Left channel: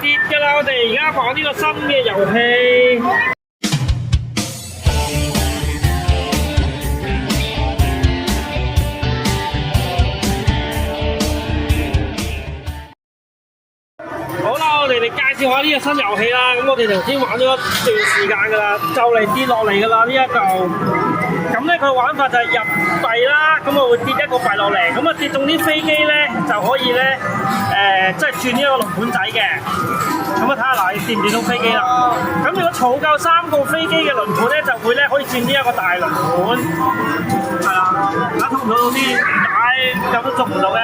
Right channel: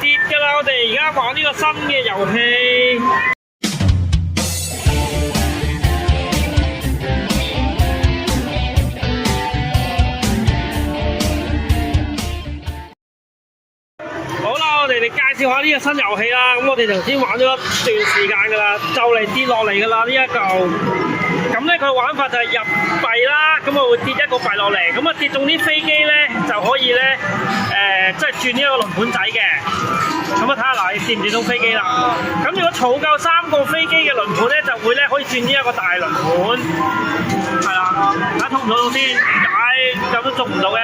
跌㗎啦！我哋而家玩呢個新嘅遊戲。好啦，我哋介紹下呢個新遊戲啦。咁我哋頭先玩咗一段時間㗎啦，就嚟跌落嚟㗎啦呢一嚿。咁咧佢玩法就係入幣啦，咁啊會跌一個幣落嚟，咁啊跌中啲飛機咧就可以咧即係轉呢一個輪盤仔嘅。咁啊睇下嗱，你跌唔跌到飛機啦？咁如果儲夠3個飛機嘅輪盤咧，就會咧可以轉呢一個大輪盤。係啦，睇下捉唔捉到先。咁都捉唔到嘅。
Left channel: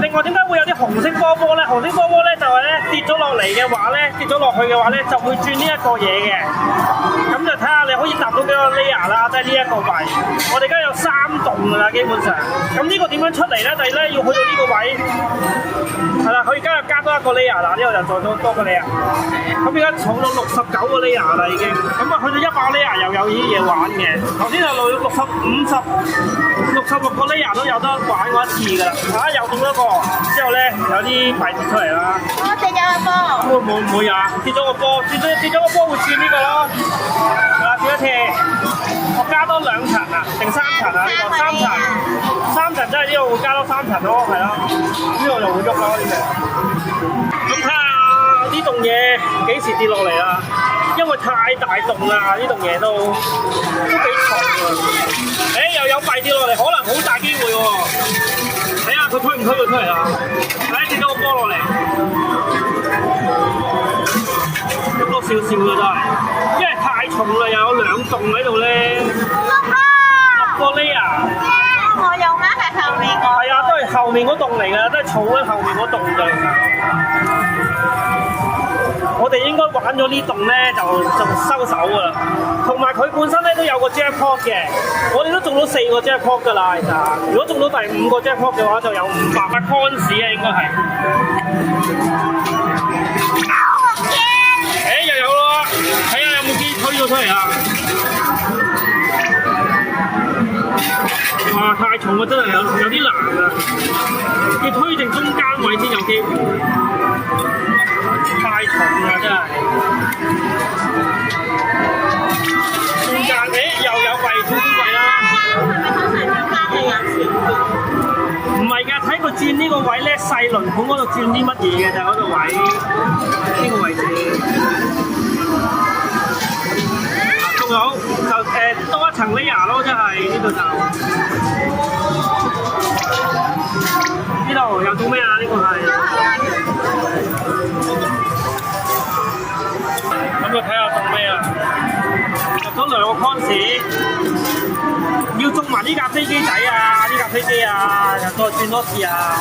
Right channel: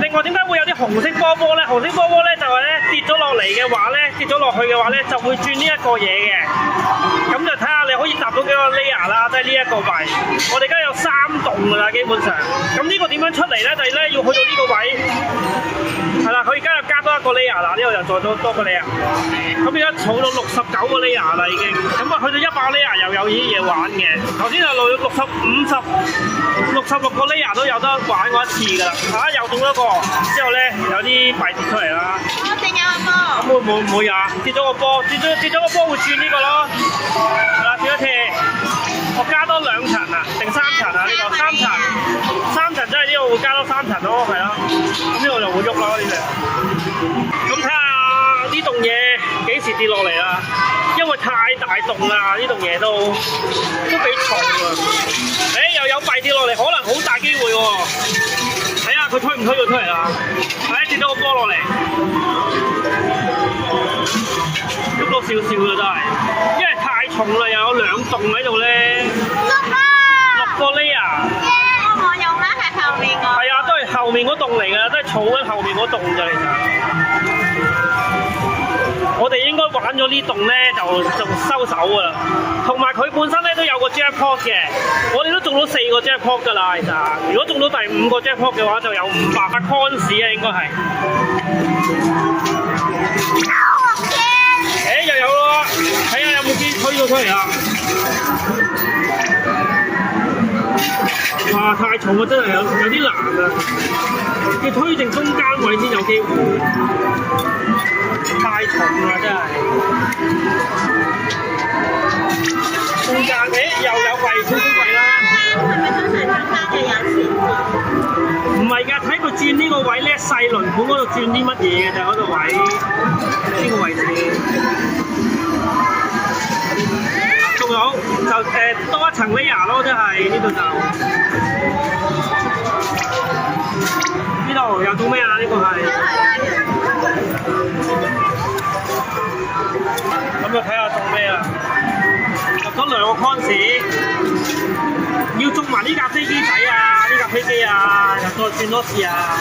另外點解會有啲紅色波波咧？紅色波波咧就係咧跌咗落嚟嘅話咧，跌咗落去嘅話咧就會轉呢一個嘢嘅。咁就睇下你可以搭到幾個 layer 啦，即係呢一個位。我哋而家有3棟㗎啦，基本上。咁呢個點樣出嚟咧？就係咧要去到呢個位。係啦，佢而家又加多一個 layer 啦，呢度又再多個 layer。咁而家儲到69個 layer 啦已經。咁啊去到100 layer 又有呢啲嘢玩嘅。頭先就66個 layer 都有得玩過一次㗎啦。又中咗個，之後咧有啲幣跌出嚟啦。我跌咗個波。咁會啊？跌咗個波，跌咗個波會轉呢個咯。係啦，轉一次。我加多2層啊，定3層啊？呢個3層，3層即係呢度會加多3層咯，係咯。呢度就會喐啦呢隻。咁睇下呢棟嘢幾時跌落嚟啦？因為太大棟啦，呢棟嘢都幾重啊。又有幣跌落嚟，可能好大機會喎。睇下佢推唔推到出嚟啦？跌咗個波落嚟，喐多少少嘅真係，因為太重啦，又有2棟喺度咧。6個 layer。我用緊係後面個。係啊，都係後面嗰棟嚟㗎，都係儲緊後面嗰棟㗎其實。我哋應該玩咗呢棟咧，就收手㗎啦。同埋佢本身咧都有個 jackpot 嘅，我哋都中到4個 jackpot 㗎啦。其實，如果中到第5個 jackpot 嘅話，就有500個 coins 啊，應該係。又有咯，睇下有冇機推到出嚟啊！哇，太重啊，真係有啲難啊！要推正中間位先有機會。太重啦，真係。中間又有貴少少貴啦。唔係㗎，睇佢轉呢個位咧，細輪盤嗰度轉啲乜嘢嘅就嗰個位，呢個位置。仲有就多一層 layer 咯，真係呢度就。呢度又做咩啊？呢個係。咁就睇下中咩啊？入咗2個 coins， 要中埋呢架飛機仔啊！呢架飛機啊，又再轉多次啊！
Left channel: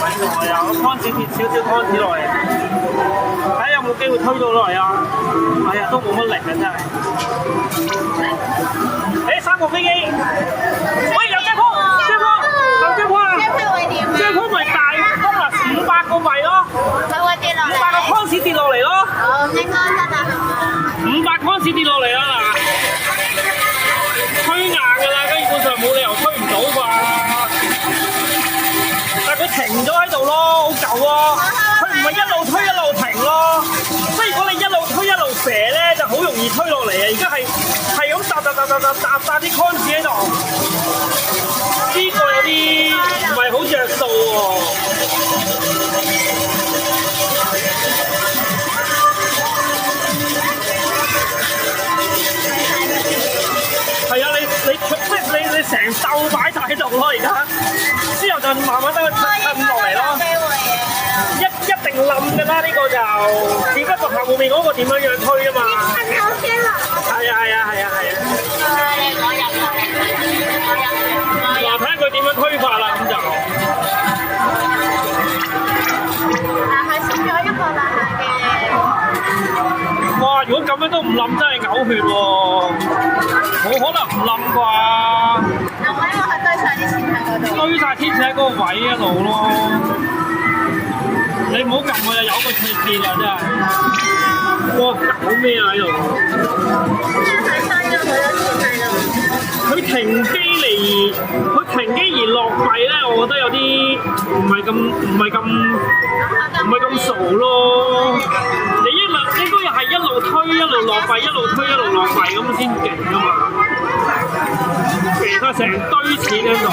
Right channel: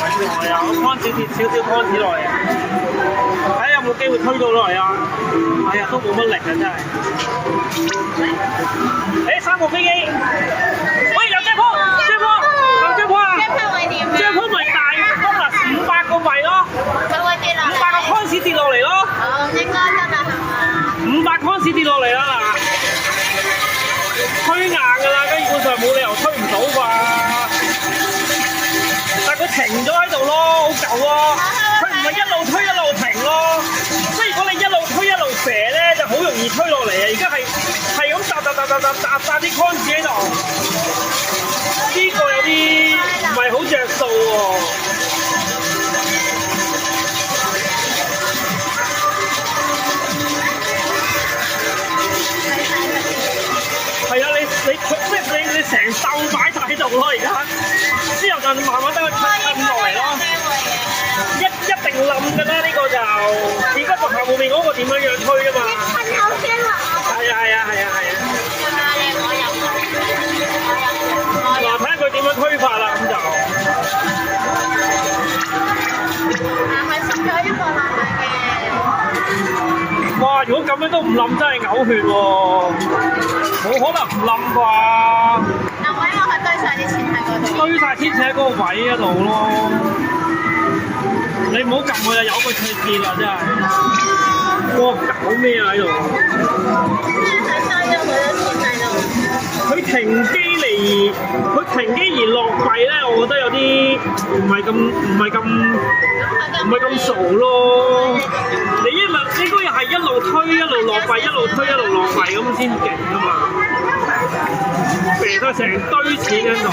揾來啊！個 coins 跌少少 coins 落嚟，睇下有冇機會推到落嚟啊！哎呀，都冇乜力啊，真係。3個飛機。喂，有jackpot啊！jackpot咪大500個幣咯，佢會跌落嚟。500個 coins 跌落嚟咯。應該真係500 coins 跌落嚟啦嗱，推硬㗎啦，基本上冇理由推唔到啩。但係佢停咗喺度咯，好舊啊！佢唔係一路推一路停咯，所以如果你一路推一路射咧，就好容易推落嚟啊！而家係咁搭啲 coins 喺度。呢個有啲唔係好着數喎。係啊，你成竇擺晒喺度咯，而家之後就慢慢等佢褪落嚟咯。一定冧㗎啦，呢個就只不過後面嗰個點樣樣推啊嘛。係啊。嗱，睇下佢點樣推法啦，咁就。係縮咗一個爛嘅。哇！如果咁樣都唔冧，真係嘔血喎！冇可能唔冧啩？嗱，我因為佢堆晒啲錢喺嗰度。堆晒啲錢喺嗰個位嗰度咯。你唔好撳佢啦，有個切跌啦，真係。哇！搞咩啊喺度？睇晒咗佢都錢喺度。佢停停機而落幣咧，我覺得有啲唔係咁傻咯。你應該係一路推一路落幣，一路推一路落幣咁先勁噶嘛。其實成堆錢喺度。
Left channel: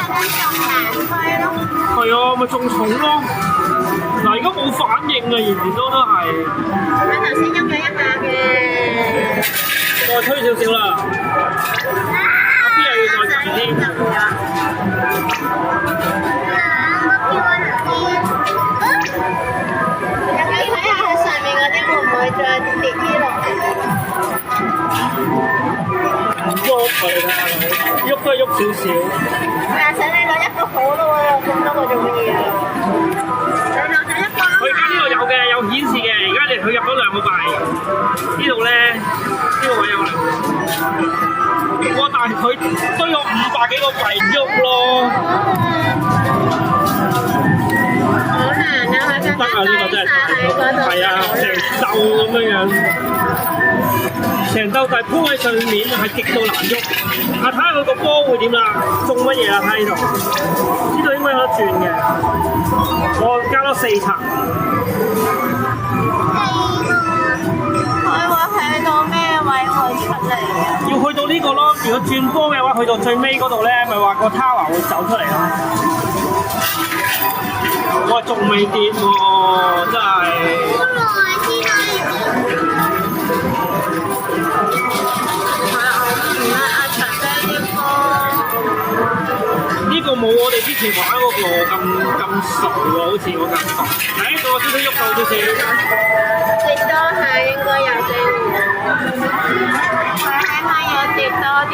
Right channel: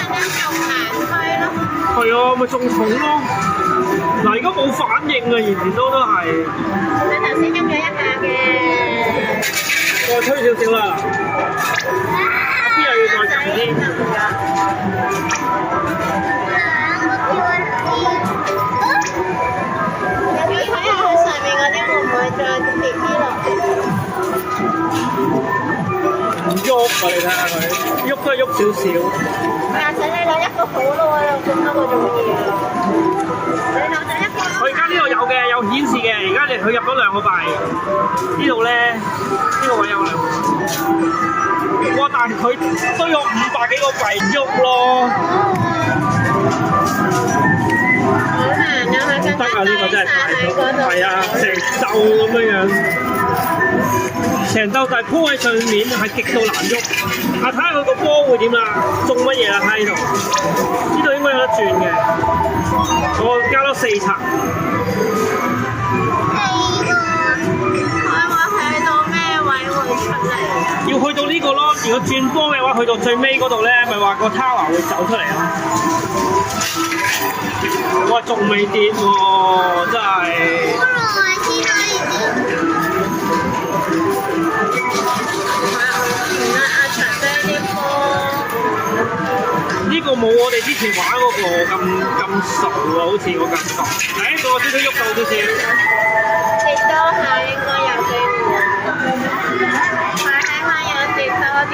係啊，咪仲重咯。嗱，而家冇反應啊，完全都係。佢頭先喐咗一下嘅。再推少少啦。阿 B 又要再撳添。有冇睇下佢上面嗰啲會唔會再跌啲落嚟？唔喐啊！你睇下佢，喐都係喐少少。但係你攞一個好咯喎，有咁多個做乜嘢啊？你攞第一個。佢而家呢度有嘅，有顯示嘅。而家佢入咗2個幣，呢度咧，呢個位有2個。哇！但係佢堆咗500幾個幣唔喐咯。得啊！呢個真係太足，係啊，成竇咁樣，成竇就係鋪喺上面，係極度難喐。睇下佢個波會點啦，中乜嘢啦？睇呢度，呢度應該有得轉嘅。我加多4層。佢會去到咩位會出嚟啊？要去到呢個咯，如果轉波嘅話，去到最尾嗰度咧，咪話個 tower 會走出嚟咯。哇！仲未跌喎，真係。好耐先可以跌。呢個冇我哋之前玩嗰個咁熟喎，好似我感覺。個少少喐到少少。跌多下應該有機會。佢起碼有跌多啲。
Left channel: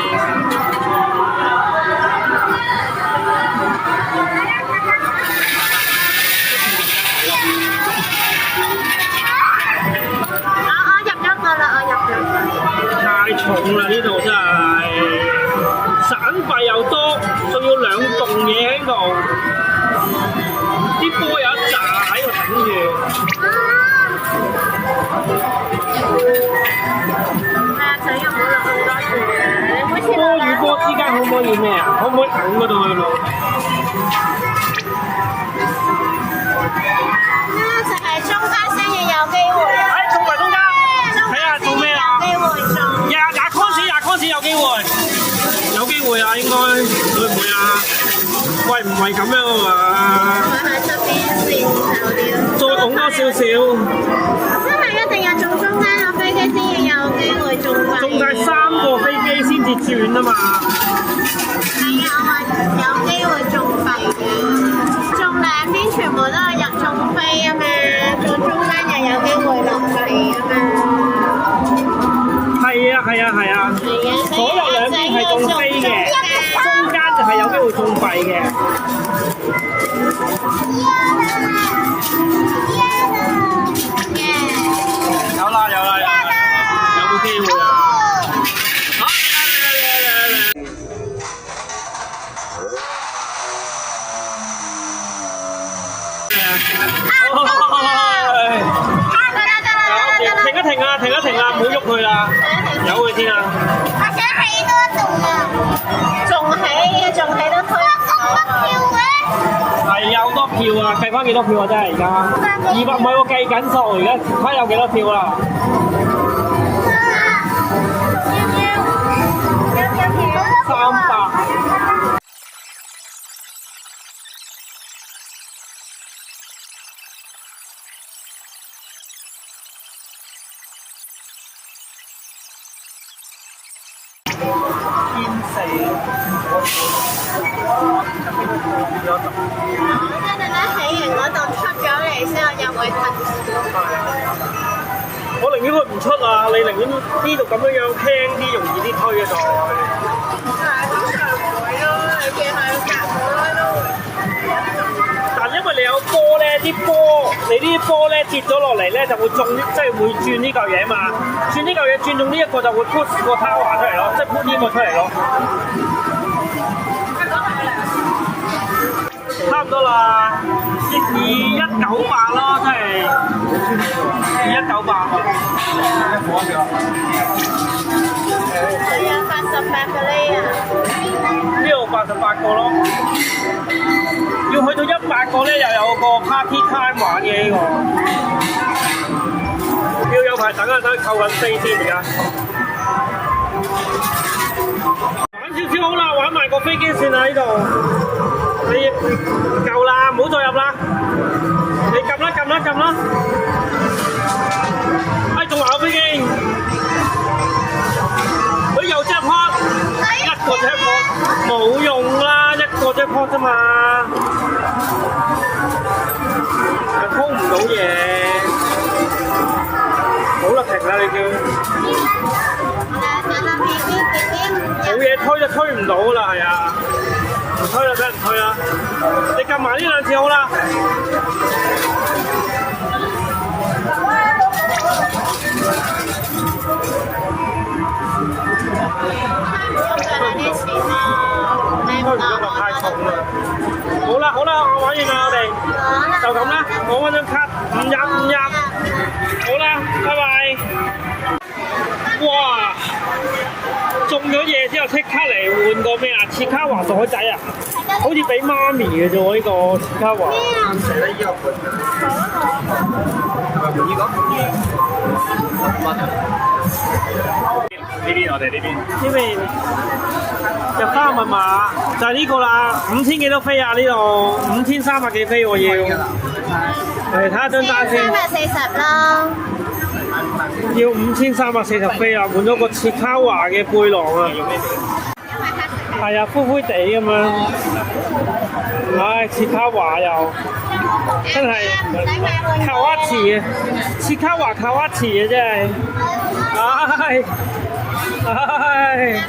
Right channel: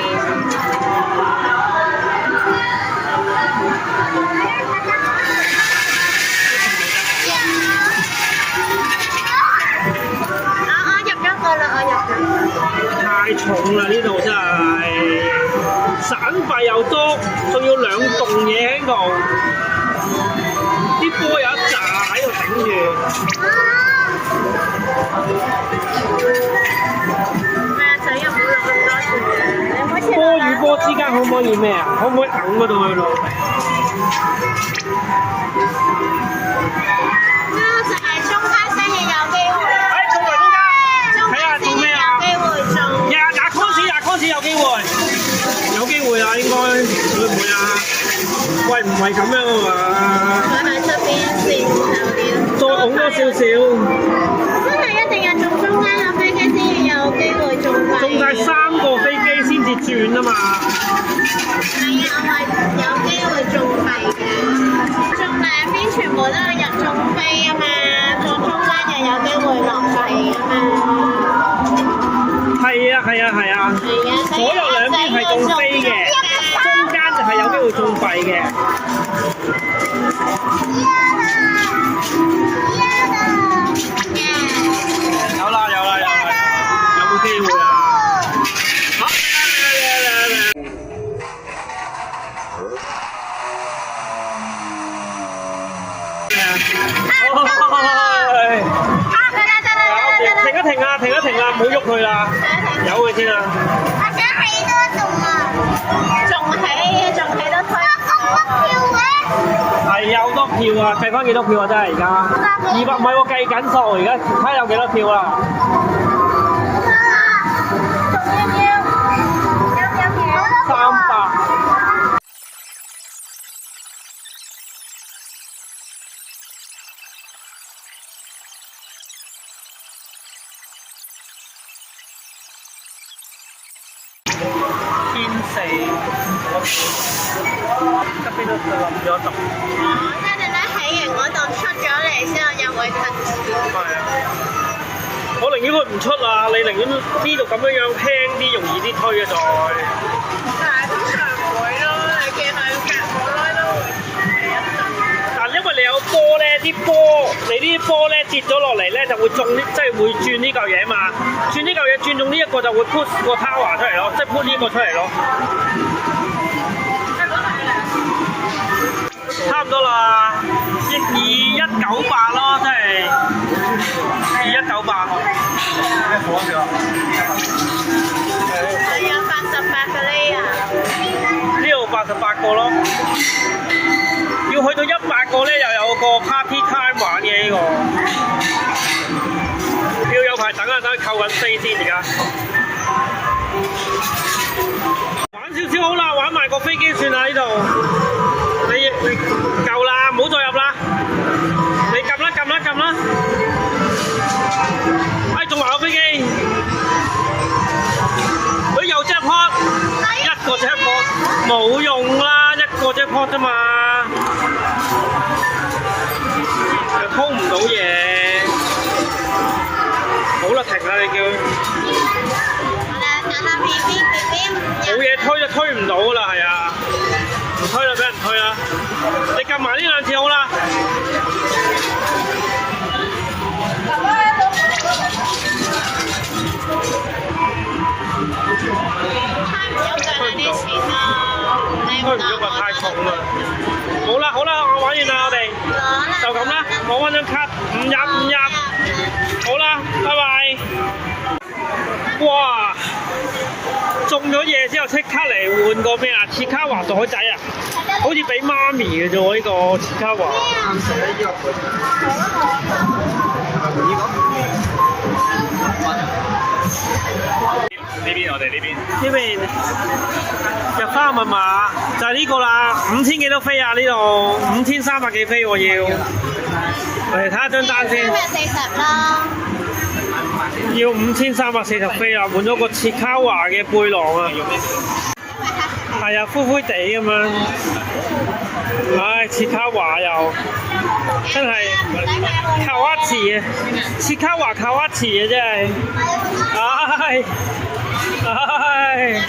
太重啦！呢度真係散幣又多，仲要2棟嘢喺度，啲波有一紮喺度頂住。仔又冇落咁多樹，波與波之間可唔可以咩啊？可唔可以揞嗰度去咯？就係中間先至有機會。中埋中間，睇下做咩啊？廿 coins 有機會，有機會啊！應該會唔會啊？喂，唔係咁樣啊嘛？再拱多少少。真係一定要做中間個飛機先有機會中幣。中晒3個飛機先至轉啊嘛。係啊，我有機會中幣嘅。中兩邊全部都係入中飛啊嘛，做中間又有機會落幣啊嘛。係啊，所有兩邊係中飛嘅，中間就係有機會中幣嘅。有啦，有冇機會啊？好，停一停啊，唔好喐佢啦，由佢先啊。我想起多棟啊，仲起多推。咁多票嘅？係有多票啊，計翻幾多票啊？真係而家200，唔係喎，計緊數，而家睇下有幾多票啦。300。一陣間起完嗰度出咗嚟先，我又會停。係啊，我寧願佢唔出啊！你寧願呢度咁樣輕啲，容易啲推啊！再。通常唔會咯，你見佢夾咗啦都會。但因為你有波咧，你呢啲波咧跌咗落嚟咧，就會中即係會轉呢嚿嘢嘛。轉呢嚿嘢轉中呢一個就會 push 個 tower 出嚟咯，即係 push 呢個出嚟咯。差唔多啦，2198咯，即係2198。我有88個呢啊！ 88個咯。要去到100個咧，又有個 party time 玩嘅呢個。要有排等啊，等扣緊飛先而家。玩少少好啦，玩埋個飛機算啦呢度。你夠啦，唔好再入啦。你撳啦，撳啦，撳啦。哎，仲話有飛機。佢又 jackpot， 一個 jackpot 冇用啦，一個 jackpot 啫嘛，又通唔到嘢。好啦，停啦你叫。冇嘢推就推唔到啦，係啊，唔推就俾人推啦。你撳埋呢兩次好啦。推唔喐啊，太重啦！好啦好啦，我玩完啦，我哋就咁啦，攞翻張卡，唔入。好啦，拜拜。哇！中咗嘢之後即刻嚟換個咩啊？切卡華袋仔啊！好似俾媽咪嘅啫喎，呢個切卡華。呢邊我哋呢邊入翻個密碼就係呢個啦，5000幾多飛啊？呢度5300幾飛我要。嚟睇下張單先。要5340飛啊！換咗個切卡華嘅背囊啊。係啊，灰灰地咁樣。唉，切卡華又真係卡哇池啊！切卡華卡哇池啊！真係。唉。